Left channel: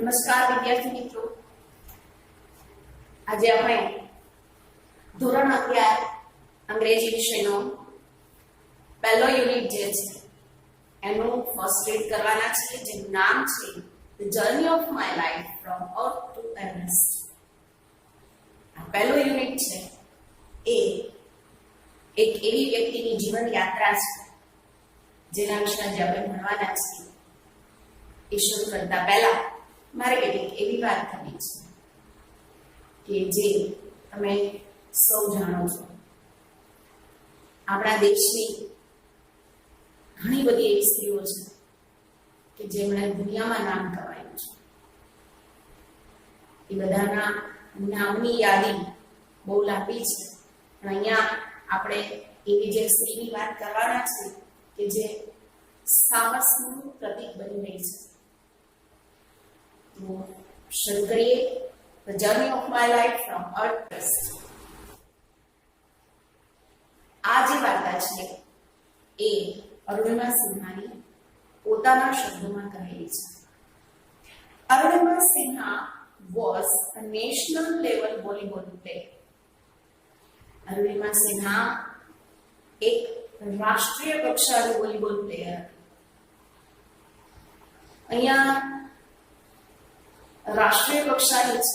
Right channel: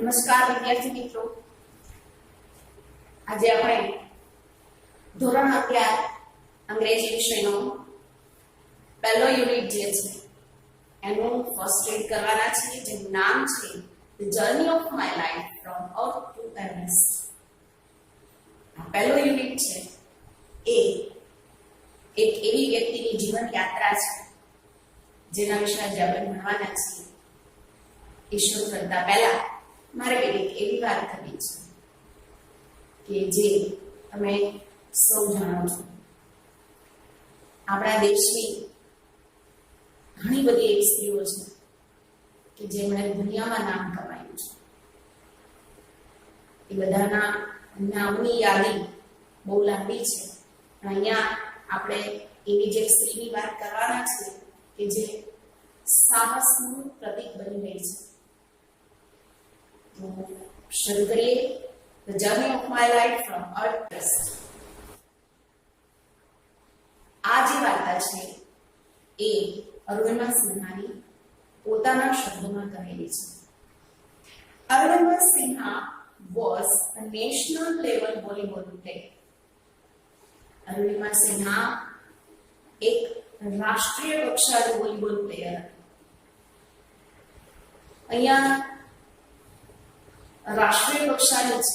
નમસ્કાર વિદ્યાર્થી મિત્રો, આજે આપણે ધોરણ 11 અંગ્રેજી વિષયનો પહેલો યુનિટ જે છે એનું ફર્સ્ટ રીડ કરવાના છીએ, જેનું નામ છે the journey of my life from earth two Everest. આ પહેલો યુનિટ છે એ એક એવી વ્યક્તિની જીવન યાત્રા છે જેના વિશે આજે આપણે ભણવાના છીએ. એ શરૂ કરતા પહેલા મારે કેટલીક એવી વાત કરવી છે કે જે તમે સૌ જાણો છો. આપણા દેશની ઘણી બધી એવી સ્ત્રીઓ છે કે જેમણે દુનિયામાં નામ કમાયું છે. એ બધાના નામની યાદી બહુ લાંબી છે, પણ અહીંયા આપણે એવી જે સ્ત્રીની વાત કરવાના છે કે જે સાહસનું પ્રતીક બની રહી છે. તો શરૂ કરીએ the journey of my life from earth two Everest. આ જે વાર્તા છે એ અરુણિમા સિન્હાની પોતાના શબ્દોમાં કહેલી છે. Arunima Sinha was a national level volleyball player. Arunima Sinha એક રાષ્ટ્રીય કક્ષાની વોલીબોલ પ્લેયર હતી. અહીંયા રાષ્ટ્રીય કક્ષાની છે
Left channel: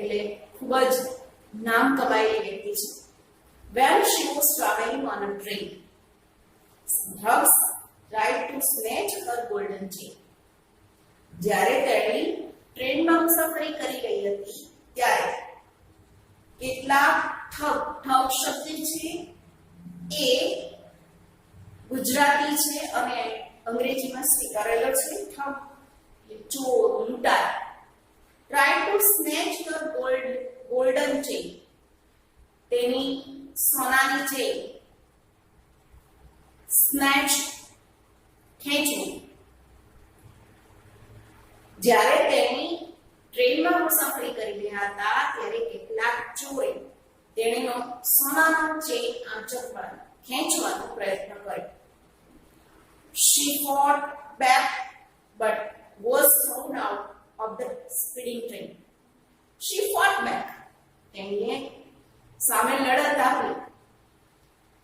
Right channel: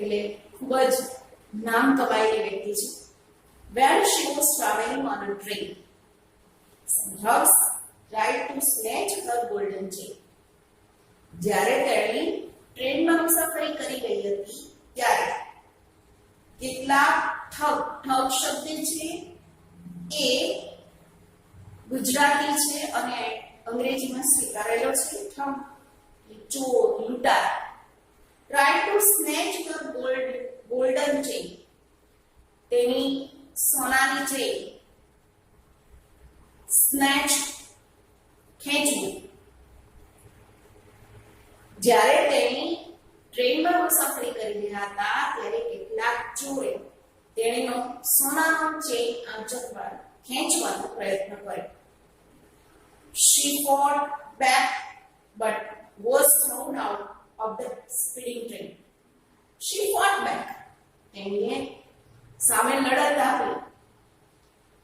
એટલે ખૂબ જ નામ કમાયેલી વ્યક્તિ છે. When she was traveling on a train, some thugs tried to snatch her golden chain. જ્યારે તેણી ટ્રેનમાં મુસાફરી કરી રહી હતી ત્યારે કેટલાક ઠગ શબ્દ છે એ ગુજરાતી છે અને અંગ્રેજીમાં સ્વીકારેલો છે. ઠગ ચોર, લૂંટાર. Try to snatch her golden chain. તેની સોનાની ચેન સ્નેચ ખેંચવું. જ્યારે તેણી ટ્રેનમાં મુસાફરી કરી રહ્યા હતા ત્યારે કેટલાક ચોરે તેણીનો સોનાનો ચેન આંચકવાનો ખેંચવાનો પ્રયત્ન કર્યો. She fought back but was thrown out of the speeding train. She fought back. તેણીએ સામે લડત આપી,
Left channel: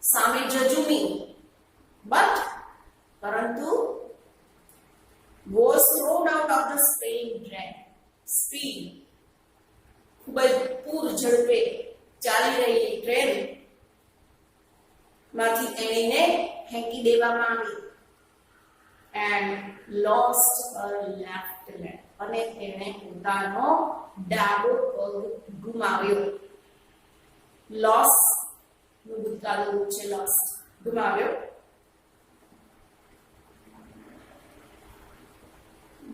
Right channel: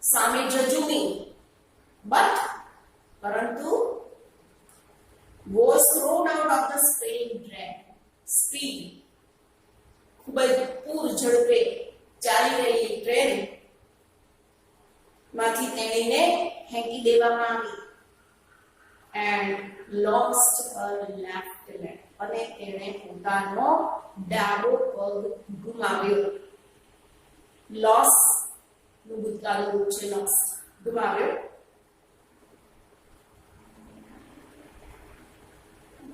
સામે જજુમી, પરંતુ was thrown out of the speeding train. Speed ખૂબ જ પૂર ઝડપે ચાલી રહેલી ટ્રેન માંથી તેણીને ફેંકી દેવામાં આવી. and lost her left leg. અને તેણે પોતાનો ડાબો પગ ગુમાવ્યો. લોસ નું ભૂતકાળનું રૂપ છે લોસ, ગુમાવ્યો.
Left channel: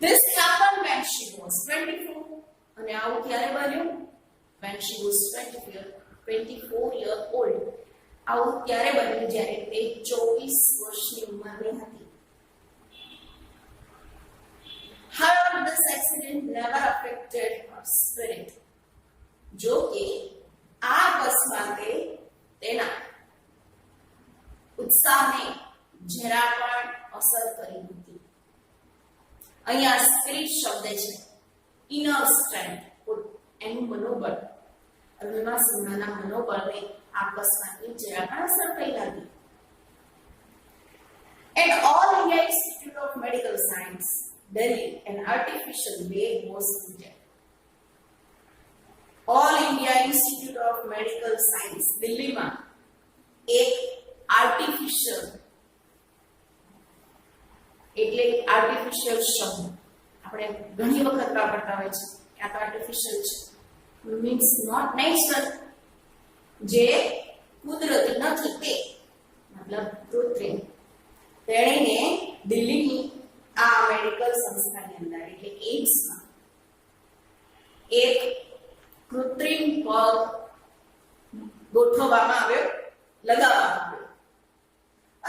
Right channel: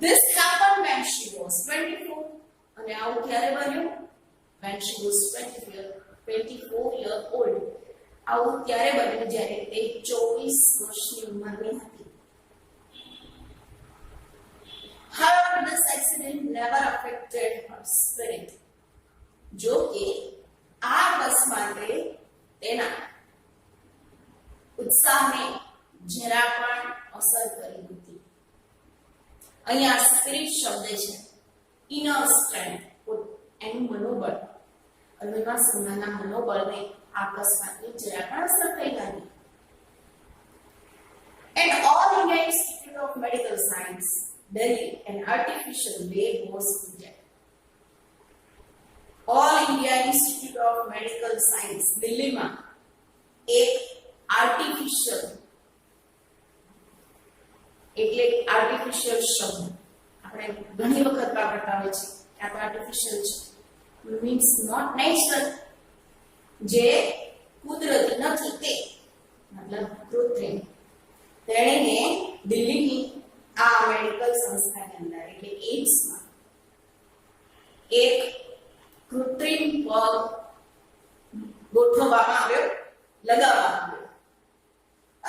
This happened when she was 24. અને આવું ક્યારે બન્યું? when she was 24 year old. આવું ત્યારે બન્યું જ્યારે તે 24 વર્ષની ઉંમરની હતી. However, this accident never affected her spirit. જો કે આ અકસ્માતે તેના ઉત્સાહને જરા પણ અસર કરી નથી. અહીંયા સ્પિરિટ શબ્દ છે, ઇનર સ્ટ્રેન્થ, એનું મનોબળ. અરુણિમા સિન્હાના મનોબળને આ અકસ્માતની જરા પણ અસર થઈ નથી. And All India Institute of Medical Science, Delhi, an artificial leg was fitted. All India Institute of Medical Science, દિલ્હીમાં એક આર્ટિફિશિયલ એટલે આર્ટિફિશિયલ શબ્દ આપણે ઘણી વખત વાપરતા હોય છે કે આ તો આર્ટિફિશિયલ છે, મીન્સ નોટ નેચરલ, જે કુદરતી નથી તે મતલબ કૃત્રિમ. તેણીને દિલ્હીની આ મેડિકલ સંસ્થાની અંદર એટલે એઇમ્સમાં એક કૃત્રિમ પગ ગોઠવવામાં આવ્યો, લગાવવામાં આવ્યો.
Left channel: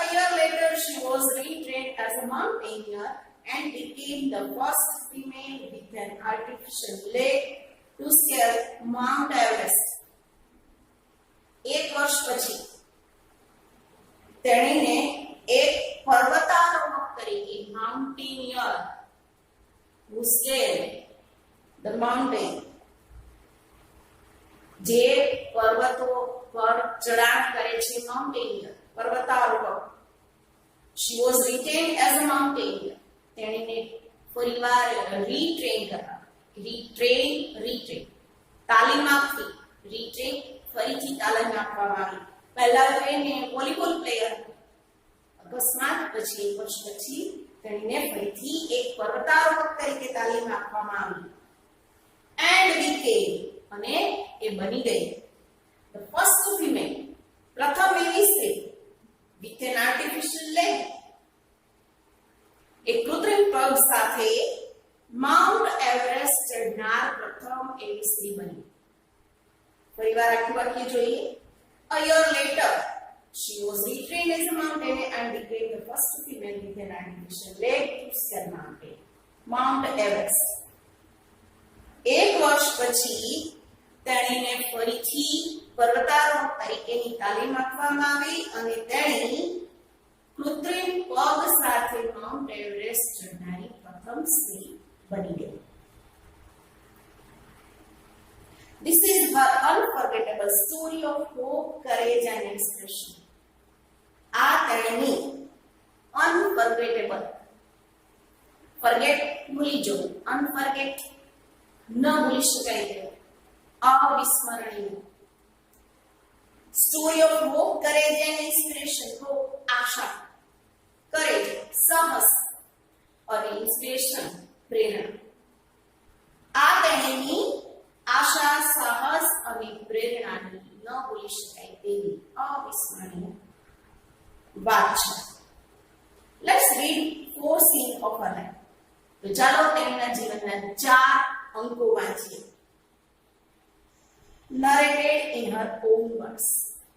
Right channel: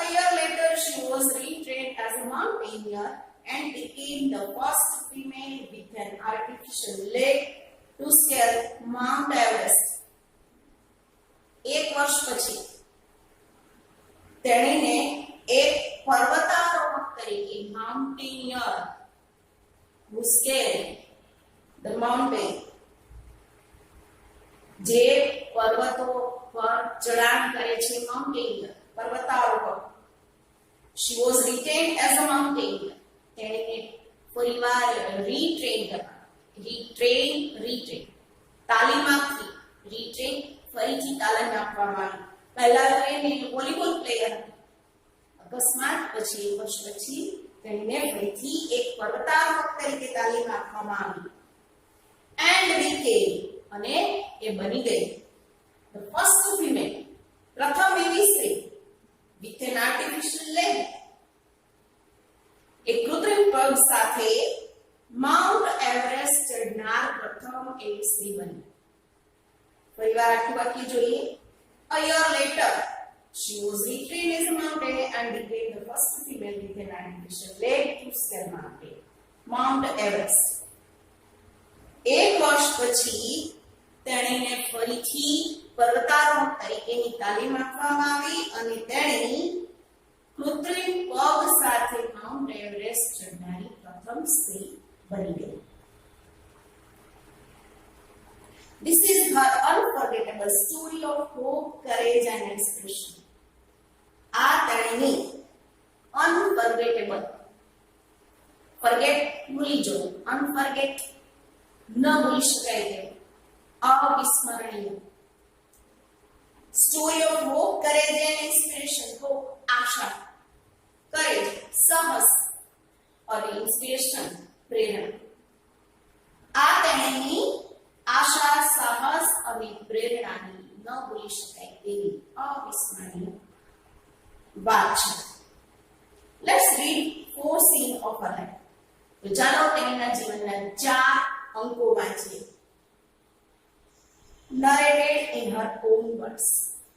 A year later, she was retrained as a mountaineer and became the first female with an artificial leg to scale Mount Everest. એક વર્ષ પછી તેણીને એક પર્વતારોહક તરીકે mountaineer who scaled the mountain, જે પર્વતો પર ચઢાણ કરે છે, mountaineer, પર્વતારોહક. She was retained as a mountaineer. તેણીને ફરીવાર રીટ્રેન કરવા, રીટ્રેન તાલીમ આપવી, રીટ્રેન ફરીથી તાલીમ આપવામાં આવી. પહેલા તો એને વોલીબોલ પ્લેયર હતી, અકસ્માત પછી એક વર્ષ પછી તેણીને ફરીથી એક પર્વતારોહક તરીકે તાલીમ આપવામાં આવી. એન્ડ became, અને એ બની ગઈ the first female, પ્રથમ એવી સ્ત્રી with an artificial leg, એક કૃત્રિમ પગ સાથે માઉન્ટ એવરેસ્ટ ચઢનાર પ્રથમ એવી સ્ત્રી બની. ફરીવાર આખું વાક્ય જોઈએ. A year later, she was retrained as a mountaineer and became the first female with an artificial leg to scale Mount Everest. એક વર્ષ પછી તેણીને ફરીથી પર્વતારોહક તરીકેની તાલીમ આપવામાં આવી અને તેણી કૃત્રિમ પગ સાથે માઉન્ટ એવરેસ્ટ ચઢનારી પ્રથમ સ્ત્રી બની ગઈ. This is her unforgettable story of hope, courage and inspiration. આ તેણીની unforgettable, forget ભૂલી જવું, unforget ન ભૂલી શકાય તેવું, અવિસ્મરણીય. Story of hope, courage and inspiration. Hope, Asha, courage, સાહસ અને inspiration, પ્રેરણા. આ તેણીની આશા, સાહસ અને પ્રેરણાની ન ભૂલી શકાય તેવી અવિસ્મરણીય વાત છે. Let's read 4 scenes of her life. તો ચાલો તેણીના જીવનના 4 અંકો વાંચીએ. Narrated in her own words.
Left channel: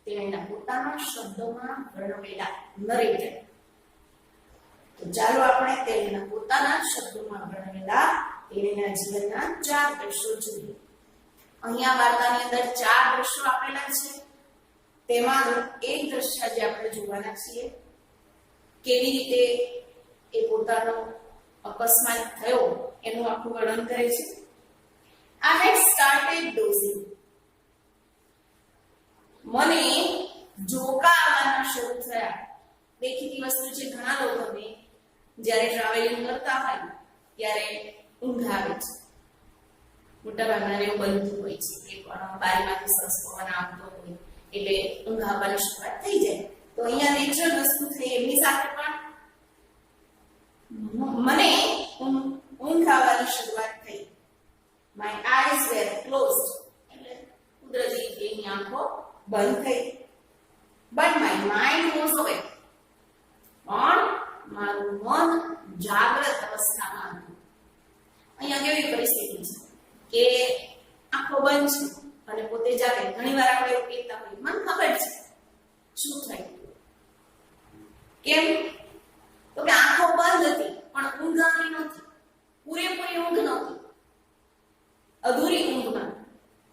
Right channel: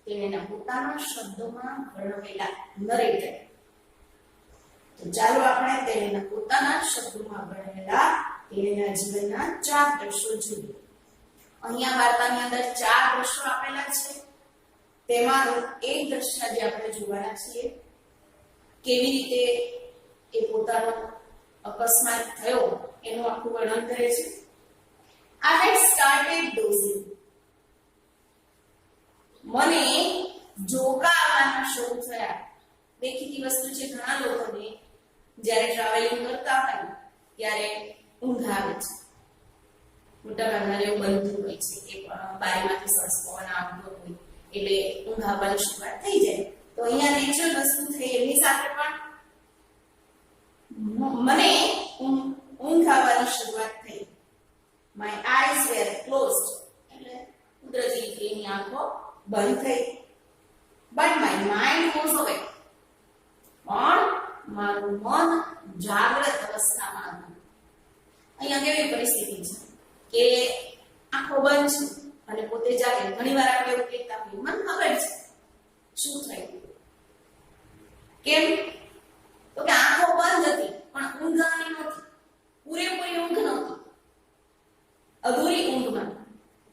તેણીના પોતાના શબ્દોમાં વર્ણવેલા. નરેટેડ. તો ચાલો આપણે તેણીના પોતાના શબ્દોમાં વર્ણવેલા તેણીના જીવનના 4 દ્રશ્યો જોઈએ. અહીંયા વાર્તાની અંદર 4 દ્રશ્યો આપેલા છે. તેમાંનું એક દ્રશ્ય જે આપણે જોવાના છીએ, કેવી રીતે એ પોતાનો અકસ્માત થયો એનું આખું વર્ણન કરે છે. I had started dozing. મને જોકા આવવાના શરૂ થયા. દેખીતી વસ્તુ છે, ઘણા લોકોને જ્યારે ટ્રાવેલિંગ કરતા હોય ત્યારે ઊંઘ આવે છે. મોટાભાગના એવું બનતું હોય છે કે બારીમાંથી સરસ પવન આવતો હોય એટલે ઊંઘ આવવાની શરૂઆત થઈ જાય. તો અહીંયા નેચરલ વસ્તુ થઈ, એમની સાથે પણ મને ઊંઘ આવવાની શરૂઆત થઈ. My eyes were closed. એટલે કુદરતી રીતે એની આંખો બંધ થઈ. But my mind was awake. પણ મારું મન જાગ્રત અવસ્થામાં હતું. અહીંયા કેવી પરિસ્થિતિ છે કે આંખો બંધ છે અને પોતે જાગે. ઘણીવાર આપણે એવું કહેતા હોઈએ, મને ખબર છે શું થયું. કેમ? તો કે આંખો બંધ હતી પણ ઊંઘ આવી નહોતી. પૂરેપૂરી ઊંઘ નહોતી, અધૂરી ઊંઘમાં,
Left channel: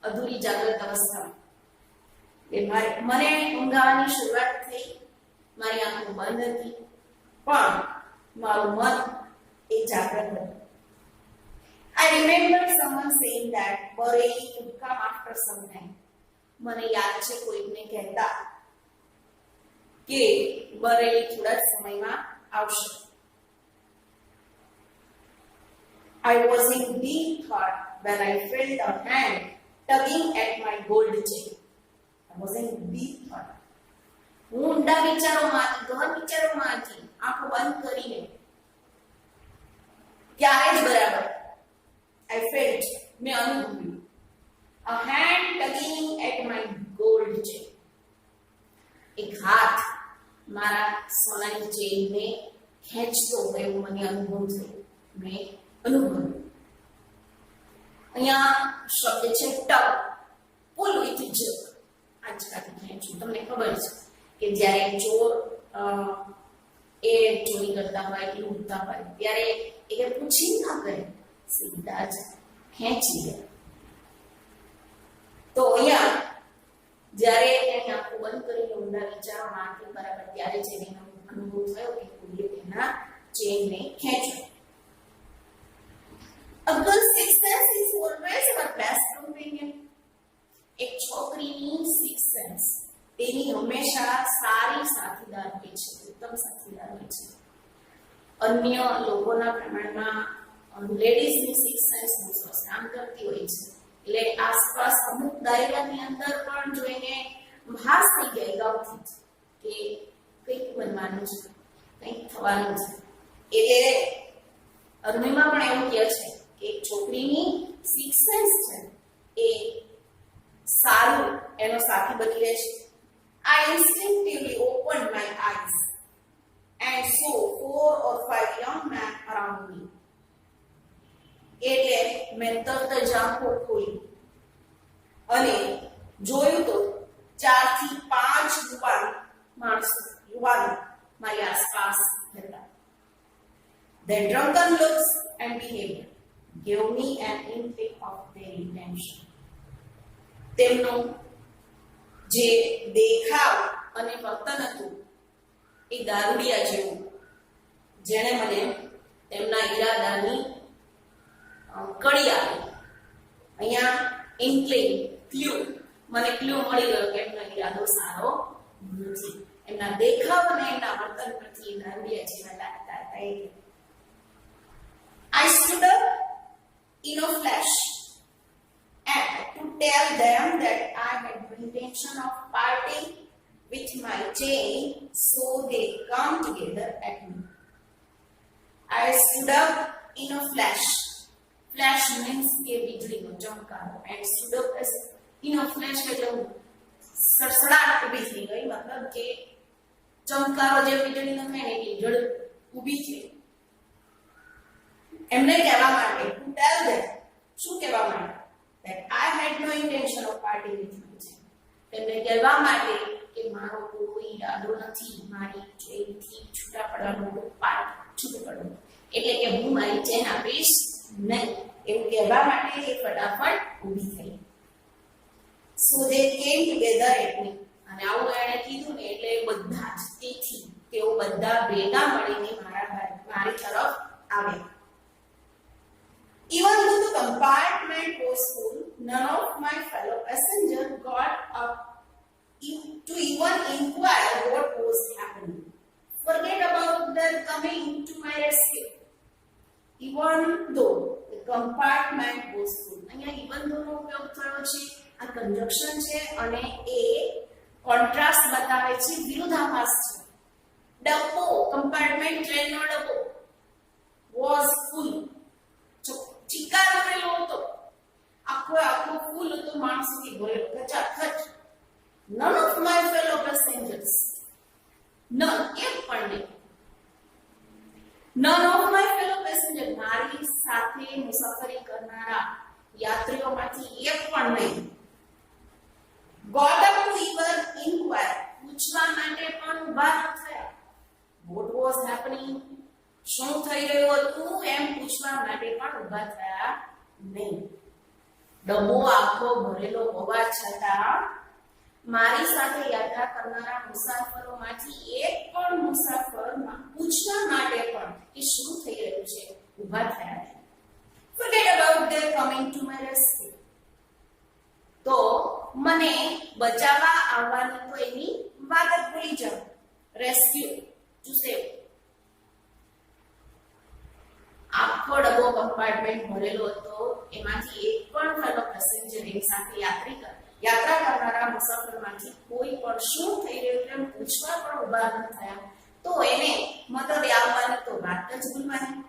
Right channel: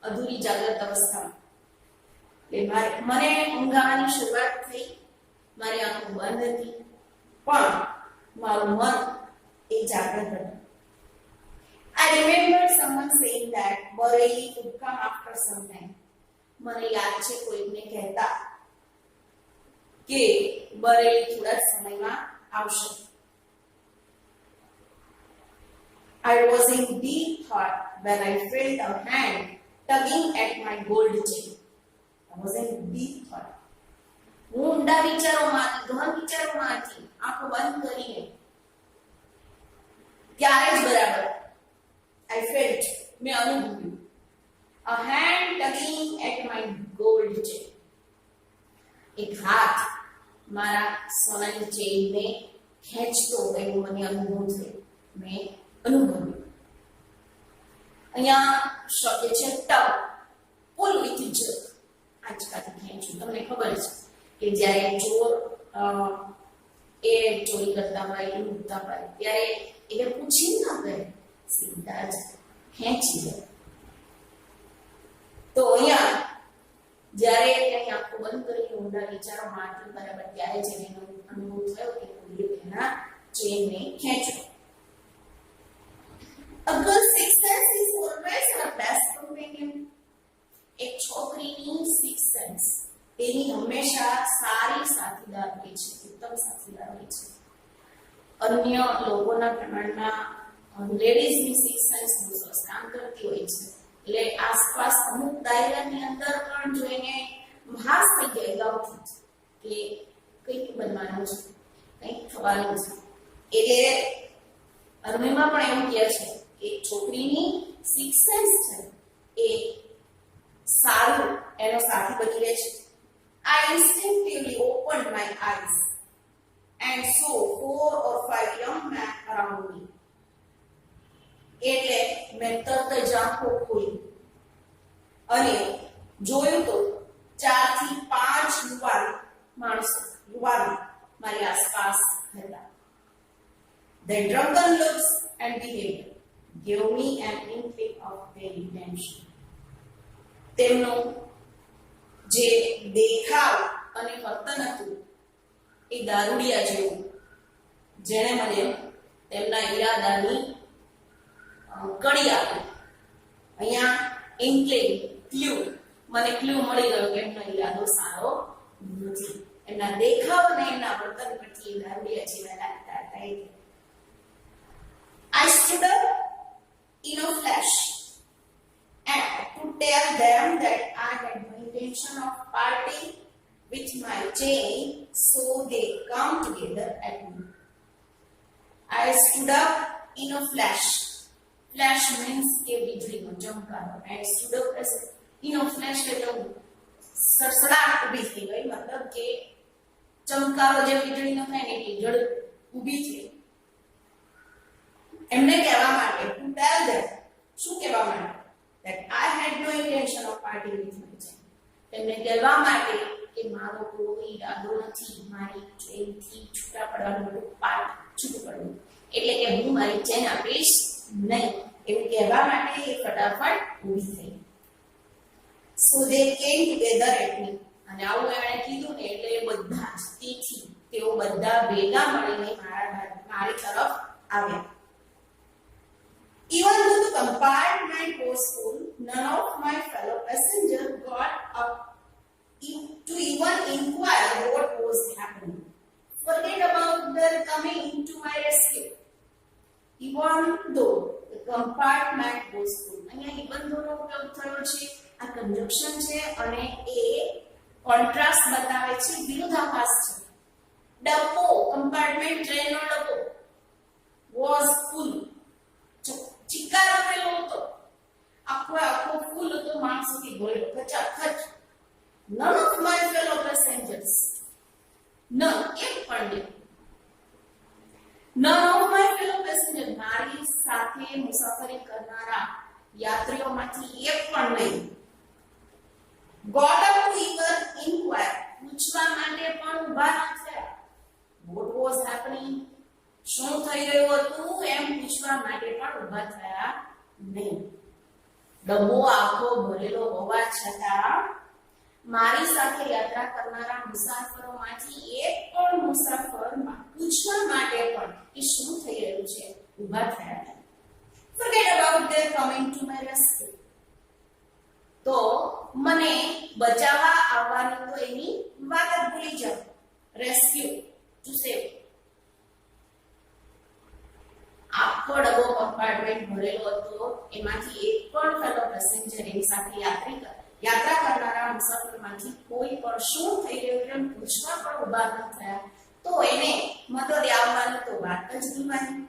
અધૂરી જાગ્રત અવસ્થામાં. મને ઊંઘ આવવાની શરૂઆત થઈ, મારી આંખો બંધ હતી પણ મારું મન એ જાગ્રત હતું. I remember someone saying that Bareilly would come after some time. મને યાદ છે કોઈને કહેતા કે બરેલી થોડા જ સમયમાં આવશે. I was in deep thought when I felt a hand tugging at my gold chain. I was in deep thought. હું ઊંડા વિચારોમાંથી, ગહન વિચારોમાંથી આંખો બંધ કરીને ત્યારે જ બરાબર I felt, મેં અનુભવ્યું, a hand tugging at my gold chain. એક હાથ મારા સોનાની ચેઇનને ખેંચતો હોય એવું મને અનુભવ થયો, મેં અનુભવ્યું. અહીંયા શબ્દ છે ટગ, પુલ વિથ જગ, આંચકાથી ખેંચવું. તમને ખબર છે કે જ્યારે ચોર એ ચોરી કરતા હોય કે લૂંટતા હોય ત્યારે એને પૂછી ના કરે, સીધા જ ખેંચી લે. તો અહીંયા જ્યારે એની આંખો બંધ કરીને ઊંડા વિચારોમાં હતી બરાબર ત્યારે જ એને અનુભવ થયો કે કોઈએ તેના ચેનને ખેંચ્યો. A girl's sixth sense is more તેની હંમેશા સારી સાથીદાર હોય છે, ઉત્તમ સાથીદાર હોય છે. અન્ય લોકોના પ્રમાણમાં લેડીઝની સિક્સ સેન્સ બહુ સરસ કામ કરતી હોય છે. એટલે આસપાસ અમુક દાયરાની અંદર પણ જોઈને ભાસ થઈ જાય અગાઉથી કે કંઈક બનવાનું છે, કંઈક થવાનું છે. એટલે અરુણિમા પણ એવું કહે છે કે છોકરીની સિક્સ સેન્સ છે એ સારું એનો સાથી બની રહે છે. I instinctively opened my eyes and saw 4 or 5 young men around me. એટલે મેં તરત જ આંખો ખોલી અને જોયું તો 4 થી 5 યુવાનો મારી આસપાસ હતા. Their drunken looks and behavior gave me an inkling of their intention. તેમનું જે દેખાવ અને વર્તન હતું એ દારૂડિયા જેવું, જેણે મને તેમના ઈરાદાની કડી આપી. અહીંયા ઇન્કલિંગ, ક્લ્યુ, મને ક્લ્યુ મળી ગયો કે એમનો ઈરાદો સારો નથી. એમના દેખાવ અને એમના વર્તન પરથી દારૂડિયા જેવા લાગતા હતા. I stood up in a flash and to tell them that I had no intention of parting with my chain, so they come together at me. I stood up in a flash. Flash means કે વીજળીનો ચમકારો. And stood up as in a flash એટલે સડસડાટ ઊભી થઈ ગઈ, મતલબ કે ચમકારો જે વીજળીનો થાય ને એ જડ ઊભી છે. એમને કહેવા માટે to tell them, શું કહેવા માટે? That I had no intention of parting with my chain. તેમને કહેવા માટે કે મારો કોઈ ઈરાદો નથી મારી ચેનથી છૂટા પડવાનો, છૂટું પડવું, એટલે કે હું મારી ચેન આપીશ નહીં, એવું કહેવા માટે એ ફટાફટ ઊભી થઈ. So they came together at me. અને આવું એણે કીધું ને એટલે બધા જ તેથી તેઓ બધા ભેગા મળીને મારી તરફ આવ્યા. Even though the compartment was full, none of my fellow passengers got up to even inquire what was happening. Forget about their coming to my rescue. Even though the compartment was full. અહીંયા even though નો ઉપયોગ થયો છે, આ conjunction છે અને એ contrast બતાવે છે, વિરોધાભાસ છે. ડબ્બો, કમ્પાર્ટમેન્ટ, ટ્રેનનો ડબ્બો was full. ચિકાર ભરેલો હતો, આખો ફૂલ હતો, માણસોથી ભરેલો, ખચાખચ. None of my fellow passengers, none, એક પણ નહીં. None of my fellow passengers, મારી સાથે મુસાફરી કરનારા યાત્રીઓમાંથી એક પણ નહીં. Got up to even inquire, પૂછવા માટે પણ ઊભા ન થયા. What was happening? શું થઈ રહ્યું હતું એમ પૂછવા માટે પણ ઊભા થયા નહીં. ડબ્બો આખો ભરેલો હોવા છતાં મારી સાથે યાત્રા કરનારા મુસાફરોમાંથી એક પણ મુસાફર પૂછવા માટે પણ કે શું થઈ રહ્યું છે ઊભા થયા નહીં. Forget about their coming to my rescue. તો મને બચાવવા આવવાની તો એની વાત જ ભૂલી જાઓ. Rescue, to save. આખો ડબ્બો કમ્પાર્ટમેન્ટ ભરેલો હતો, એમાંથી એક પણ ફેલો પેસેન્જર એની સાથે યાત્રા કરનારા મુસાફરમાંથી કોઈ પણ શું થઈ રહ્યું છે એમ પૂછવા પણ ઊભા ન થયા. તો એને મદદ આવવાની તો વાત જ ભૂલવાની.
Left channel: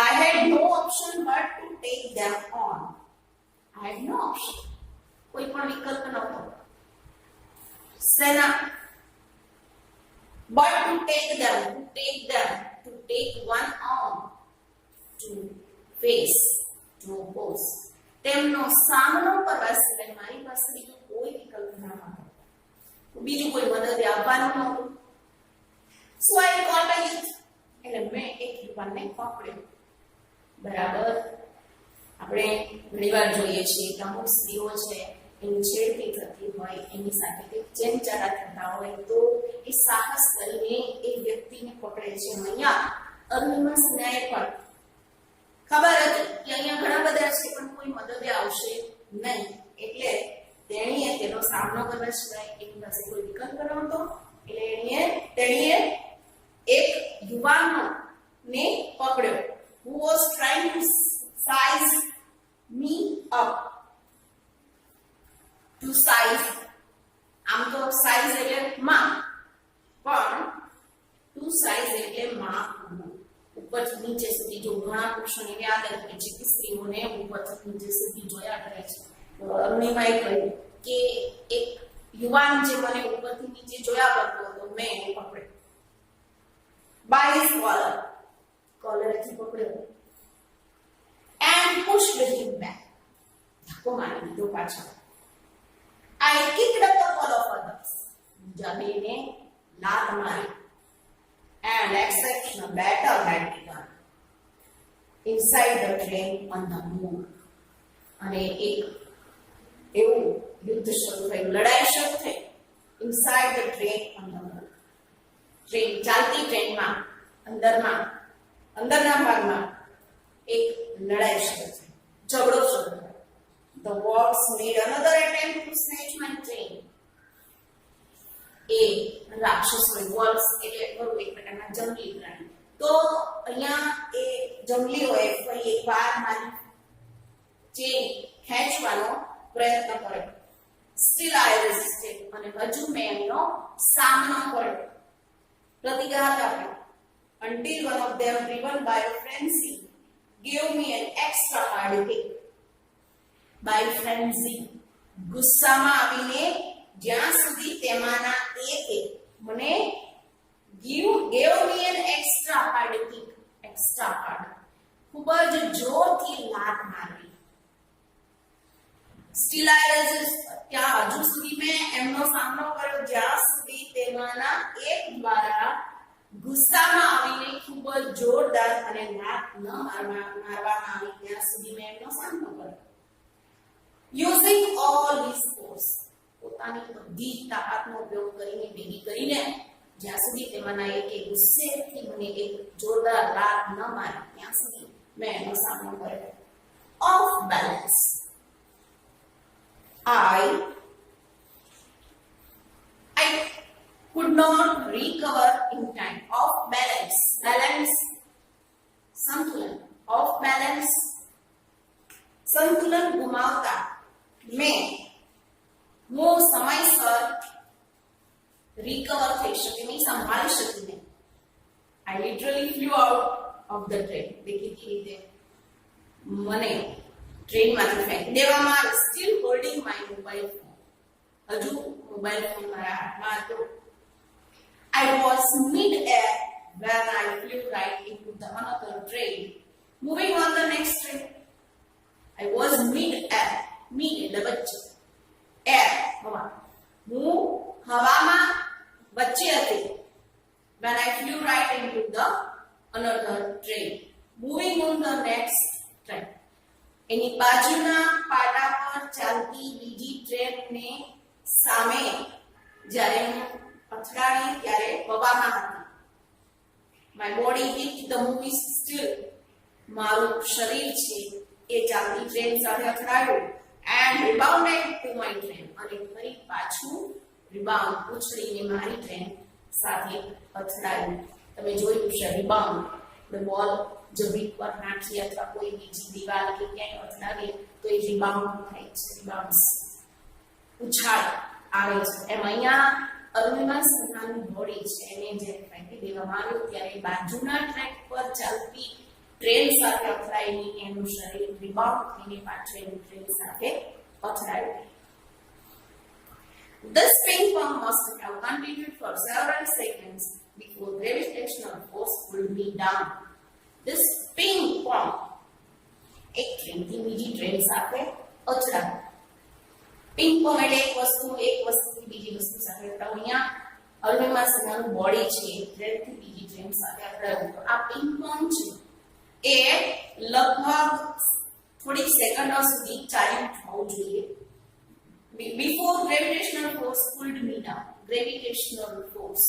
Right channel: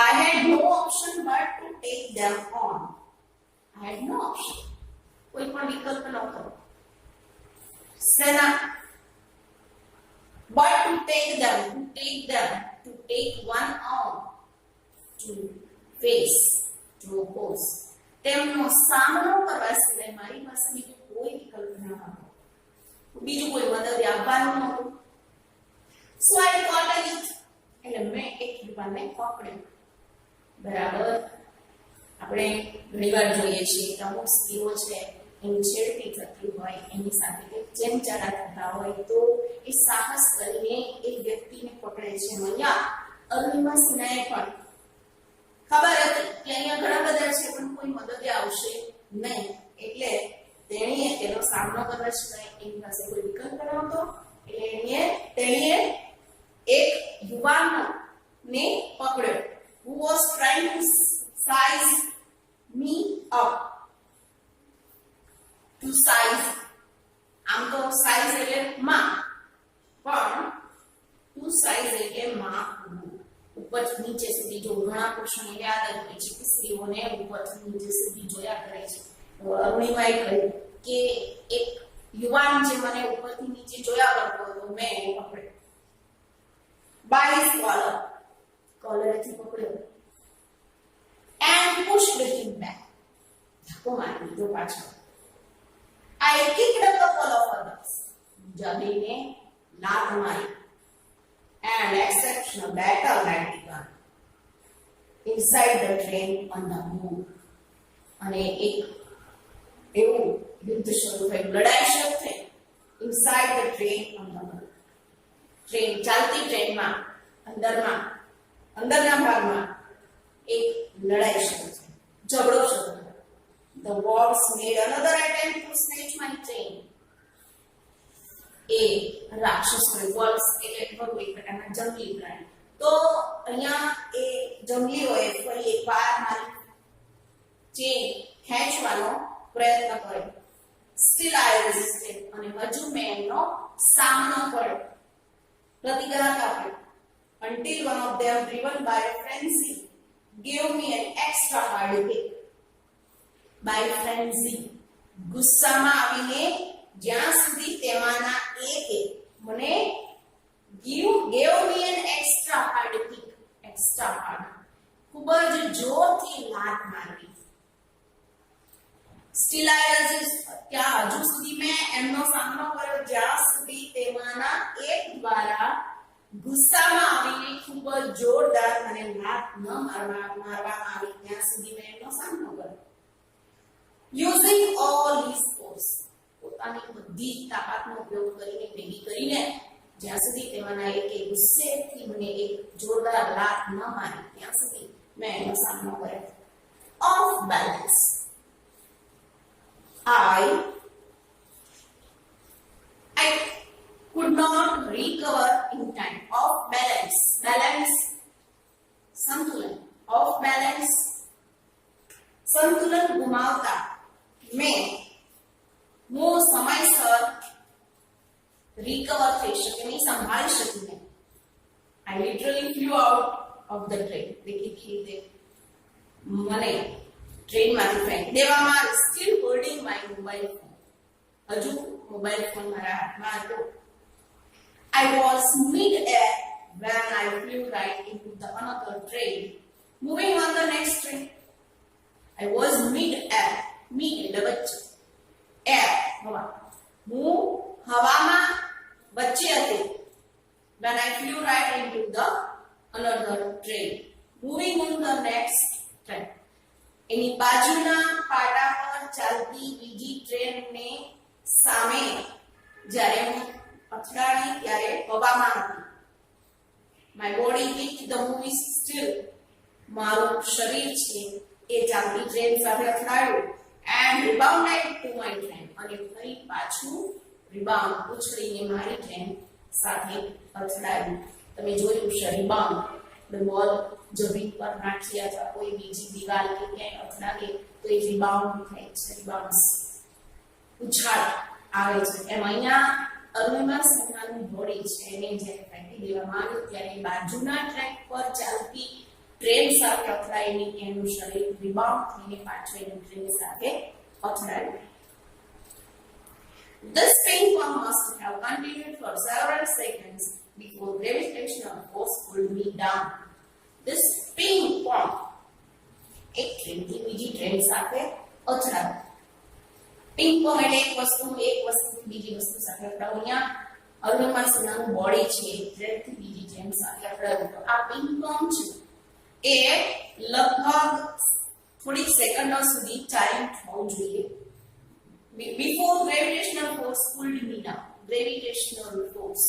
I had no option but to take them on. I had no option. કોઈ પણ વિકલ્પ નહોતો. સેના but to take one on, to face, to oppose. તેમનો સામનો કરવા સિવાય મારી પાસે બીજો કોઈ વિકલ્પ ન હતો, બીજું કોઈ મદદ આપવાનું નહોતું. So I caught a youth, એટલે મેં એક યુવાનને પકડ્યો. બરાબર, આપણે ઘણીવાર જોઈએ છીએ કે અમુક સ્ત્રીઓ છે એની છેડતી થતી હોય, એની સાથે કંઈક ચેનચારા થતા હોય તો એ સાહસ કરીને એક વ્યક્તિને પકડે છે. અહીંયા અરુણિમા સિન્હાએ પણ ખબર હતી કે અહીંયા ઘણા બધા છે પણ કોઈ મદદે આવશે નહીં, એટલે તેણીએ તેનો સામનો કરવા સિવાય એની પાસે કોઈ વિકલ્પ ન હતો. એટલે તેણીએ એક યુવાનને પકડ્યો, who was trying to size me up. To size, આમ તો size એટલે માપ, પણ to size એટલે માપવું. ઉપરથી નીચે સુધી જો ઘણા પુરુષોને એવી આદત હોય છે કે સ્ત્રીઓને ઉપરથી નીચે સુધી જોયા કરે છે. અરુણિમાએ કહ્યું કે એક યુવાન જે મને ઉપરથી નીચે જોયા કરતો હતો, મેં એને પકડ્યો. by his કોલરથી પકડ્યો and pushed him back. ધક્કો મારી દીધો પાછળ. I kicked a couple of others. જમીને લાત મારી. And exceptional battle had begun inside the train on the move. અને એક એવું યુદ્ધ શરૂ થયું, લડાઈ શરૂ થઈ inside the train on the move. Train ચાલતી ટ્રેનમાં અંદરના ભાગમાં એક લડાઈ શરૂ થઈ, ઝઘડો શરૂ થયો. The wolves made another attempt to snatch my train. A રાક્ષસોએ, wolves એટલે બહુ એક પ્રકારના જંગલી પ્રાણી, તો અહીંયા એ જંગલીઓએ ફરી એકવાર મારી ચેન ખેંચવાનો પ્રયત્ન કર્યો. Still I resisted. અને હજુ મેં એમનો સામનો કર્યો, પ્રતિઘાત આપ્યો. Until one of them, driven by a frenzy, gave me an extra hard kick. By frenzy, ગુસ્સામાં આવીને જ્યાં સુધી તેમાંના એકે મને gave me an extra hard kick. extra hard, ખૂબ જ જોરથી લાત મારવી. Still I resist. ત્યાં હજુ સુધી મેં એમનો સામનો કર્યો જ્યાં સુધી તેમાંના એક દ્વારા ગુસ્સામાં આવીને ખૂબ જ જોરદાર અને લાત ન મારવામાં આવી ત્યાં સુધી મેં એમનો સામનો કર્યો. Using all his force, પોતાની બધી તાકાતનો ઉપયોગ કરીને ભેગી કરીને જ્યાં સુધી તેમાંના એકે ગુસ્સેથી મને એક જોરદાર લાત ન મારી ત્યાં સુધી મેં એનો સામનો કર્યો. Off balance, I could not recover in time. Off balance, balance, સંતુલન. Off balance, સંતુલન ગુમાવતા હું સમયસર recover થઈ શકે નહીં, સંભાળી શકી નહીં. I literally flew out of the train. દેખીતી રીતે મને ટ્રેનમાંથી ફેંકી દેવામાં આવી. Still holding my mobile phone. હજુ મોબાઈલ ફોન મારા હાથમાં હતો. I was mid-air when I flew right into the another train, moving on the next train. I was mid-air. Mid એટલે વચ્ચે, air હવા. હું હવામાં વચ્ચે હતી. When I flew right into the another train, moving on the next train. એની બાજુના પાટા પર ચાલતી બીજી ટ્રેનને સામે જ્યારે હું અથડાણી ત્યારે હવામાં હતી. My body hit the moving still. મારું શરીર છે એ ચાલતી ટ્રેન સાથે અથડાયું. And rebounded to my train. અને ફરી પાછું રિબાઉન્ડ ઉછળીને મારી ટ્રેન સાથે અથડાયું. તમે જોયું છે રિબાઉન્ડ, આપણે બોલ જમીન પર નાખીએ અથવા કોઈ બીજી દિવાલ કે ક્યાંય અથડાવીએ તો એ રિબાઉન્ડ થાય છે, રિબાઉન્ડ્સ ઉછાળ આવે છે. એમ અહીંયા અરુણિમા સિન્હાનું બોડી છે એને જ્યારે ફેંકી દેવામાં આવ્યું ત્યારે બાજુના ટ્રેક પર ચાલતી ટ્રેન સાથે અથડાઈને એનું શરીર રિબાઉન્ડ થઈને પાછળ એની ટ્રેન સાથે અથડાયું. This ping pong must have continued for several seconds before gravitational force pulled me down. This ping pong, એક ટ્રેનથી બીજી ટ્રેન સાથે અથડાવું. પિંગ પોંગ એટલે એક વસ્તુથી બીજી વસ્તુ સાથે અથડાવું. અહીંયા અરુણિમા સિન્હાનું બોડી છે ટ્રેનથી બીજી ટ્રેન સાથે અથડાયું. તો આ પિંગ પોંગ છે એ લગભગ થોડીક સેકન્ડો સુધી ચાલ્યું થવું જોઈએ. Before gravitational force pulled me down. Gravitational force,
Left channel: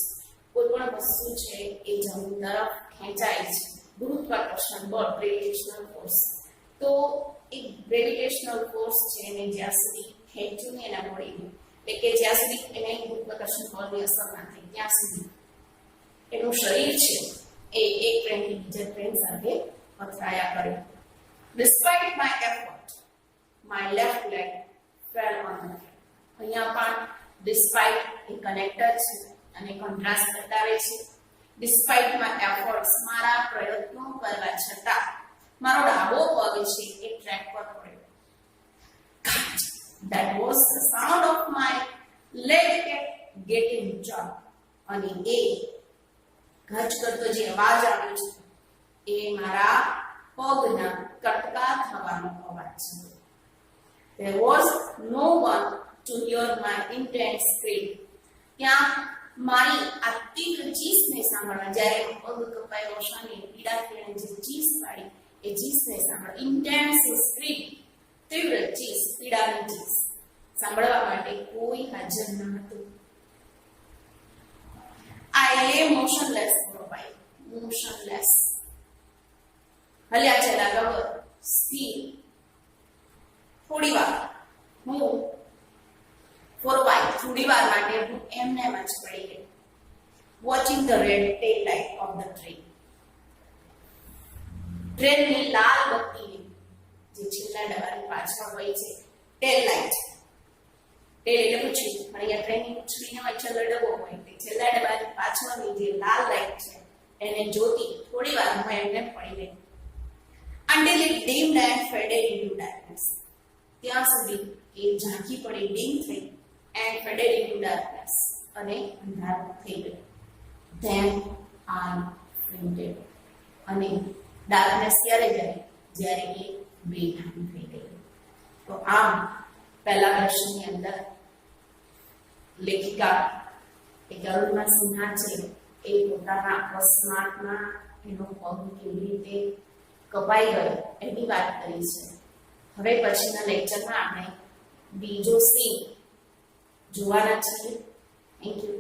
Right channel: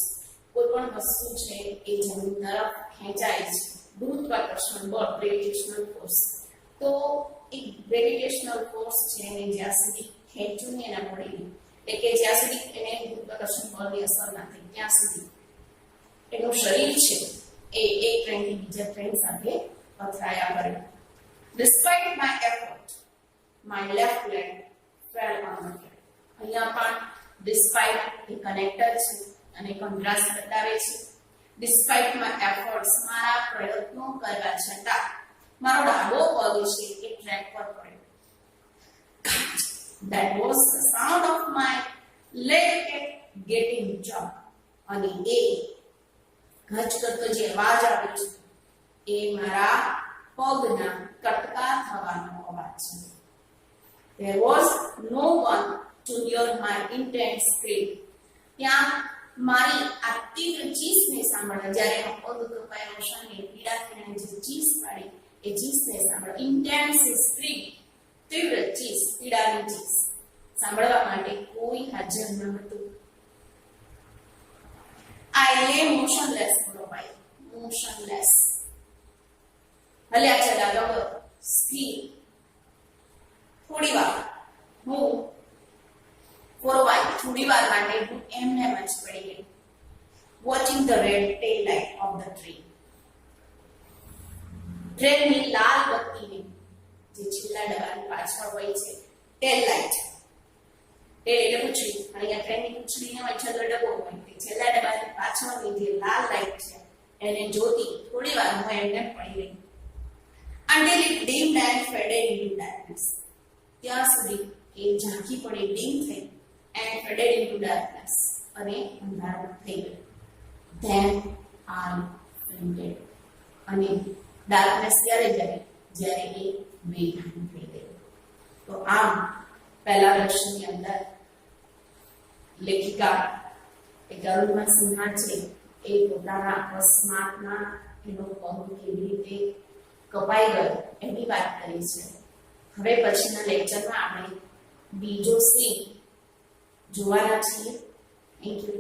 કોઈ પણ વસ્તુ છે એ જમીન તરફ ખેંચાય છે, ગુરુત્વાકર્ષણ બળ, gravitational force. તો એક ગ્રેવિટેશનલ ફોર્સ છે એને જ્યાં સુધી ખેંચ્યું ને એના બોડીને, એટલે કે જ્યાં સુધી એને ગુરુત્વાકર્ષણ બળની અસર ના થઈ ત્યાં સુધી એનું શરીર છે એ એક ટ્રેનથી બીજા ટ્રેન સાથે અથડાયા કરે. Despite my effort, my left leg fell on the track. અહીંયા પણ despite એ કનેક્ટર છે અને કોન્ટ્રાસ્ટ બતાવે છે. Despite my efforts, મારા પ્રયત્નો કરવા છતાં મારો ડાબો પગ છે એ ટ્રેક પર પડ્યો. That was the sound of my leg getting jumped. અને એ ગજ કરતો જે અવાજ આવ્યો છે એ મારા પગના કટકા થવાનો અવાજ છે. There was no one to hear my intense scream. ત્યાં મારી આ તીવ્ર ચીસને સાંભળવા, જ્યારે પગ કપાયો શાને પીડાથી એને જે ચીસ પાડી એ ચીસને સાંભળવા, ઇન્ટેન્સ સ્ક્રીમ, તીવ્ર ચીસ, પીડાની ચીસ સાંભળવા માટે કોઈ હાજર ન હતું. I lay motionless for a while. Motionless. હલ્યા ચલા ગવર, સ્થિર. થોડી વાર હું for a while, થોડી વાર માટે હું એમને જ પડી ગઈ. Watching the red tail light of the train. ટ્રેનની લાલ બત્તીની જે છેલ્લા ડબ્બાની પાછળ હોય છે ટેલ લાઇટ. ટેલ એટલે પૂંછડી, પણ અહીંયા ટ્રેનની પૂંછડીને હોય છેલ્લો ડબ્બો હોય તે છેલ્લા ડબ્બાની પાછળની જે લાલ લાઇટ છે એને જોતી થોડી વાર હું એમને પડી ગઈ. Until it dimmed and faded into darkness. ત્યાં સુધી એ ઝાંખી પડી, ડીમ થઈ and faded into darkness, અને અંધારું થઈ ગયું. Then I fainted. અને ડાર્કનેસ ક્યારે જાય? જ્યારે એ બેભાન થઈ ગયું. તો આમ પહેલા પ્રશ્નની અંદર લેખિકા એ અરુણિમા સિન્હા છે એ પોતાના અકસ્માતમાં એનો પગ કેવી રીતે કપાઈ ગયો એની વાત કરી છે. હવે પછીના લેક્ચરમાં આપણે બીજો સીન જોવાના છીએ. Thank you.